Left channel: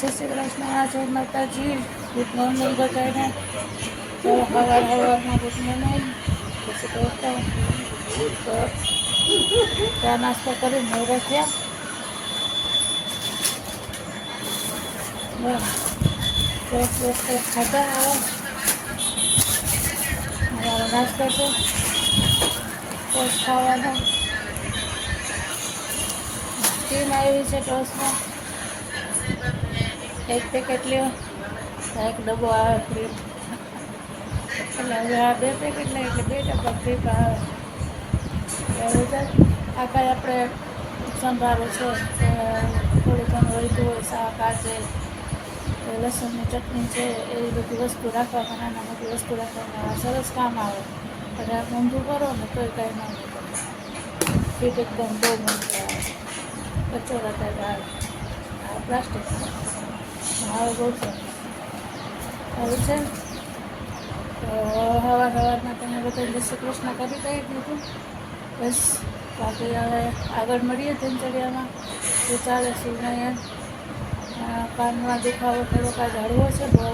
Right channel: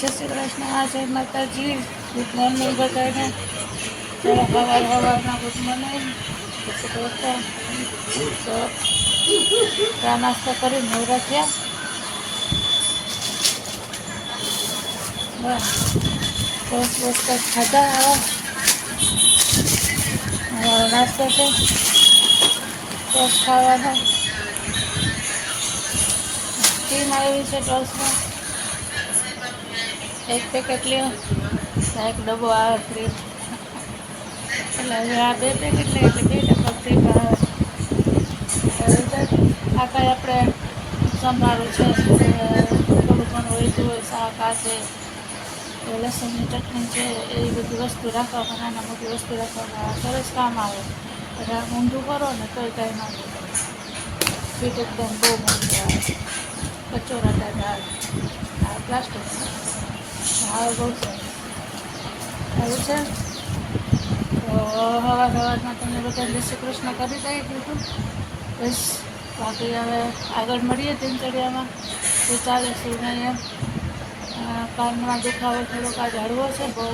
જય શ્રી કૃષ્ણ, જય માતાજી. ગુડ મોર્નિંગ બધાને. સવાર સવારના ગુડ મોર્નિંગ તો ચા નાસ્તો કરી નવરા થયા બસ બિસ્કટ ખાધા હવે નાસ્તો છે. ટોસ ખાવાના. ટીમ આવી છે ટોસમાં. એક પેકેટ લ્યો. એક ડબ્બો આવે ફ્રી એટલે હવે આ બે પેકેટ લે, એટલે બે ડબ્બા ફ્રી આવે. આ કાંઈ આપણે સંભાળું છે. થોડું ઘણું વહેતું હોય, શાક આ છે લસણની ચટણી છે, એ બધી વસ્તુ રાખવામાં, નાના મોટી વસ્તુ રાખવામાં સરસ કામ આવે. આ ઊંધું કરો ને તોય કાંઈ ના ફીટ એકદમ બહુ મોટું આવે. કચોરા આવે. આ પ્લાસ્ટિક. હવે બહુ સરસ. સારું છે. તો હવા સવારમાં તમે બધા જય શ્રી કૃષ્ણ કરી દઈ દીધું બસ, બાકી હવે આગળ મળીએ દિનચર્યામાં. તો ચાલે છે એમ કાનમાં દુખાવો થોડોક આ હળવો છે, બહુ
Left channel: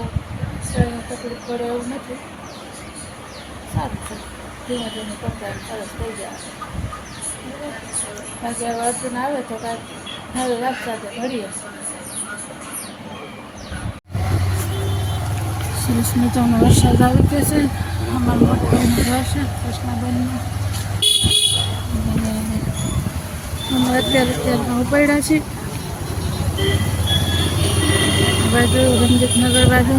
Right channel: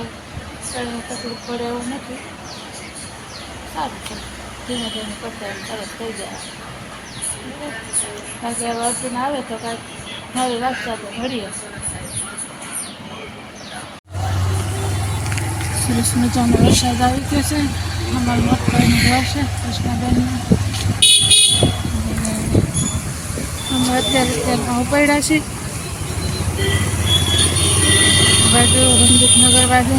કંઈ તકલીફ પડે એવું નથી. સારું છે. ધીમે ધીમે કરતા સરસ થઈ જાય. કારણ કે હવે અર્જુન આવે તો કાંઈક નવી વાત સાથે મળીએ. સરસ મજાનો વરસાદ આવી ગયો છે. અમારું મોટભાઈનું ઘર છે કૃષ્ણાબેનનું અમે અત્યારે અત્યારમાં ઉપાડ્યા છીએ. બાજુ રંજીતનગર બાજુ.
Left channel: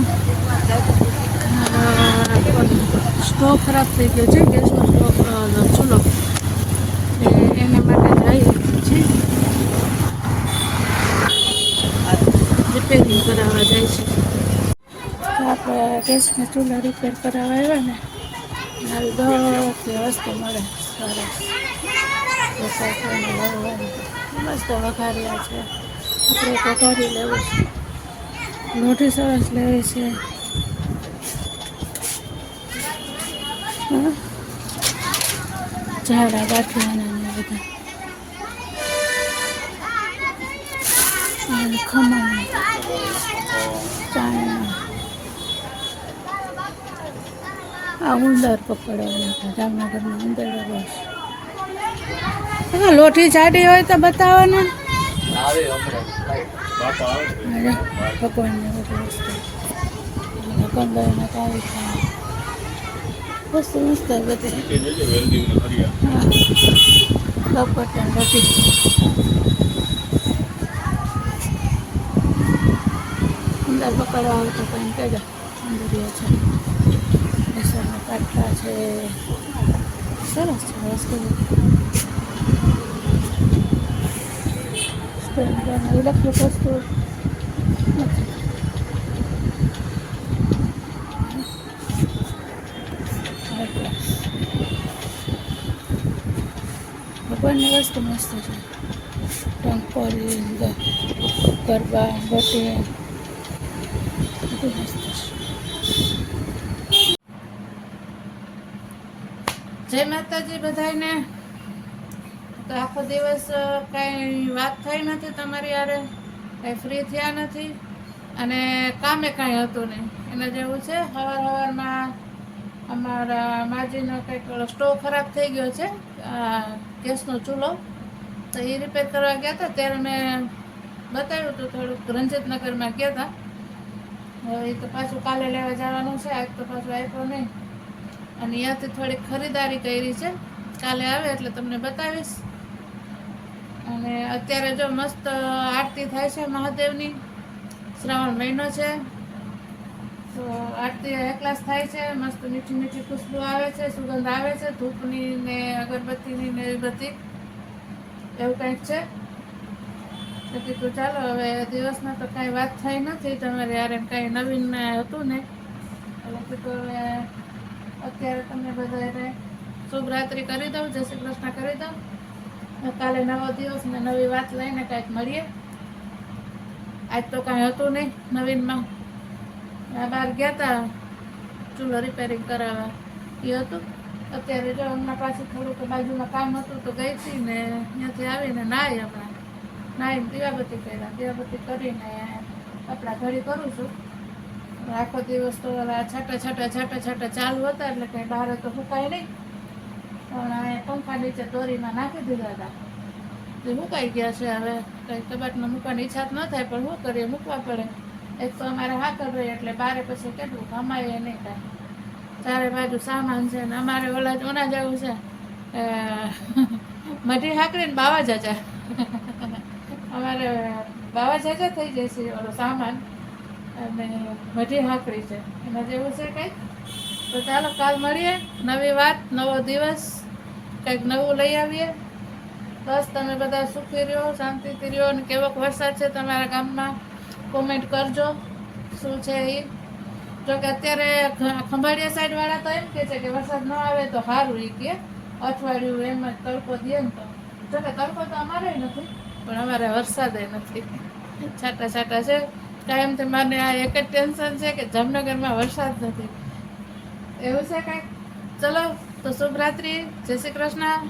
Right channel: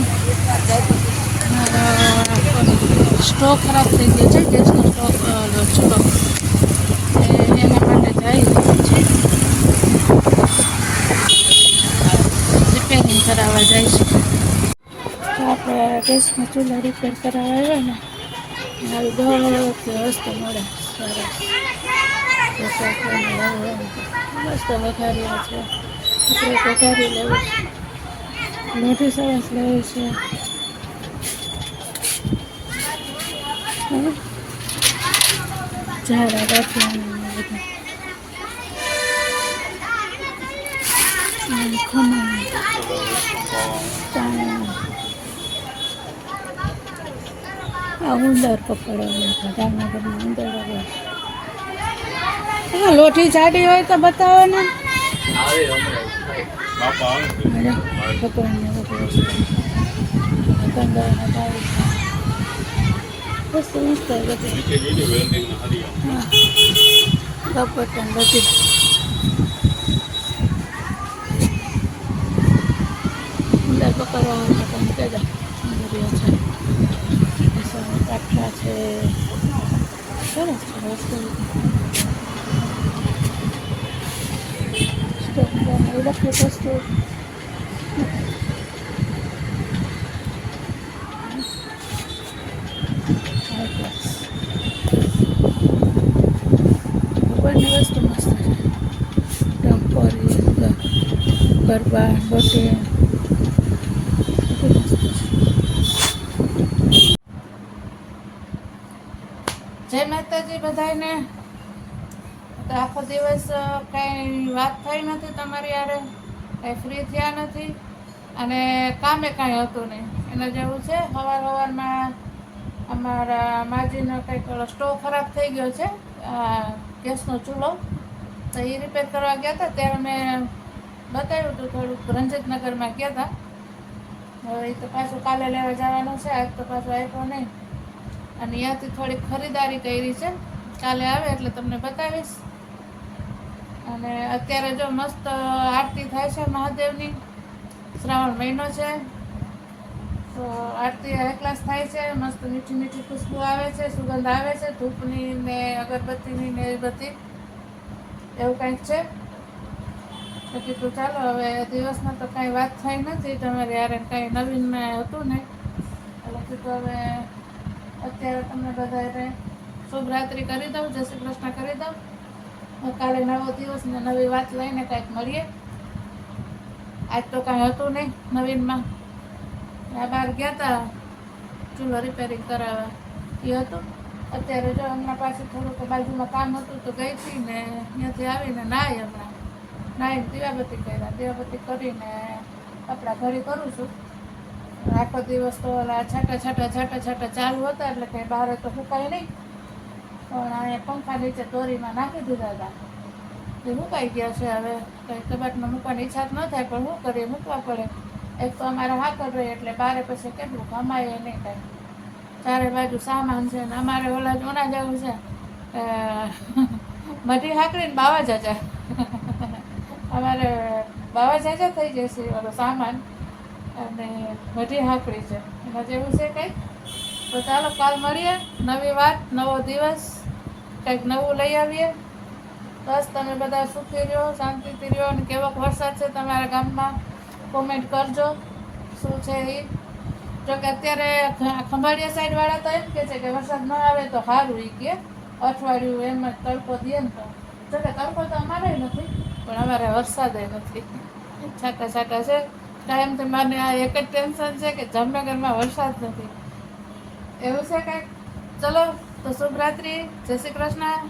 સ્ટોવ ખરાબ થઈ ગયો છે, ગેસનો સ્ટોવ એ એના માટે જાય છીએ રિપેરિંગ કરાવવા જાય છે. આપણે ગેસના ચૂલા રિપેર કરાવવા આવ્યા ને આવી દોડથી વસ્તુ મળે સરસ. મસ્ત વઘાર્યા છે આપણે એક વઘારી લેવું છે. મોઢી સરસ લેવી છે. ઝાડા ગાંઠિયાના બધા. ખમણ ચાણા. આ ઉંદર પકડવાના જામનગરમાં ઉંદર હા લોઠી જાડી હોય તો બતાવો ને. ભગવાનને પંદરના તારીખ વસ્તુ મસ્ત બધી. હા. લપટન બધી ઉંદર પકડવા આવે તો કંઈ કહેજો સુંદરીઓ છે. પાટલા છે. સરસ છે વસ્તુ બધી ઇલેક્ટ્રિક વસ્તુ. ભગવાનની વસ્તુ મસ્ત છે. ટંકોરી ગરબા ગોટી બધું મસ્ત છે જય માતાજી બધાને તો આખો દિવસ કાંઈ વાત થઈ નથી તમારી યારે કાંઈ ફ્રી થયા નથી. અને કામે કાંઈ હતું નહીં. એના જેવું છે, હવાર હવારમાં અમારા માજીનો કંઈક સ્ટોવ ખરાબ થઈ ગયો છે ગેસનો ચૂલો. તો એ રિપેર કરવા ગયા હતા, ત્યારે મેં બતાવ્યું હતું, થોડુંક રંજિતનગરમાં ગયા હતા. હવે એ તો પાછું કાલે લેવા જવાનું છે, આજ તો પાછું આપ્યો નહીં. અને ત્યાંથી થોડીક ખરીદારી કરી છે. કાલે આવે એટલે તમને બતાવીશ. અને અત્યારે જો મસ્ત આરતી થાય છે મહાદેવની. શ્રાવણ મહિનો છે. તો આરતી એકલાસ થાય છે. મસ્ત મીઠી મીઠી ખુશ્બુ આવે છે, સુગંધ આવે છે, ધૂપની ને અગરબત્તીની ને બધી. એવું કંઈક છે. તો કીધું ચાલો, હવે દિવસમાં તો કાંઈ વાત થઈ નથી. તમારે યાર કાંઈ નવીન હતું ને. એટલે કીધું હવે અત્યારે તમને બધાને શુભ રાત્રિ કરી દઉં, જય શ્રી કૃષ્ણ કરી દઉં. કાલે નવો દિવસ ને નવી વાત લઈને કાંઈક મળીએ. આજ તો કાંઈ હતું નહીં નવીનમાં. આ બહાર ગયા હતા ચૂલો રિપેરિંગ કરાવવા. એ હતું. અત્યારે જો હમણાં પાછું થોડુંક બાજુમાં કામ હતું તો ગઈ હતી ને ત્યાંથી આવીને નાહી હમણાં. નાહીને દીવાબત્તી કર્યા. દીવાબત્તી કરીને કપડાં ઘડી કરું છું. આખો દિવસ તો ઓલા છાટા છાટા છાટા છાટા ચાલુ હતા, એટલે કંઈ બહાર તો સુકાય નહીં. પણ આ પંખા નીચે દોરીમાં નાખી દીધા હતા. એ મુકાઈ ગયા છે હવે. કંઈ કબાટમાં મૂકવાની ઈચ્છા ન થાય, પણ શું કરીએ? મૂકવા પડે. એક તો અમારે હાકર રહી એટલે બારે પછી કેટલું કમાય નહીં કાંઈ ચારે બાજુ સામાન છે ને અમારે ઓલા ઓના જવું છે. મઢી હાકરીને બાવા જાજા. અમારે બાવા જાજા થઈ જશે ઓલો સામાન. અને મઢી હાકડી છે. એમાં જેવું છે કંઈક? તો ચાલો, કાલ મળીએ. નવી વાત, નવો દિવસ. કંઈક નવું લઈ આવીએ. બસ, તમે બધા સુખી રહ્યો, શાંતિથી રહ્યો અને કેવોક વરસાદ છે તમારા ગામમાં? કોમેન્ટ કરજો. શું છે એ જોકે અત્યારે ખંભાળિયા સાઈડવાળા તો એમ કે છે કે વરસાદ ન આવે તો સારું એ કે. અઠવાડિયું એમ જ તડકો દે ને તો. જોકે તડકો તો અમારે નથી, પણ અમારે વરસાદ નથી. છાંટા છાંટા છે. ટાઈમથી મને આ એક જ ટેન્શન છે કે જામનગરમાં વરસાદ નથી. એવું છે કાંઈક? ચલો, તો શુભરાત્રિ. જય શ્રી કૃષ્ણ.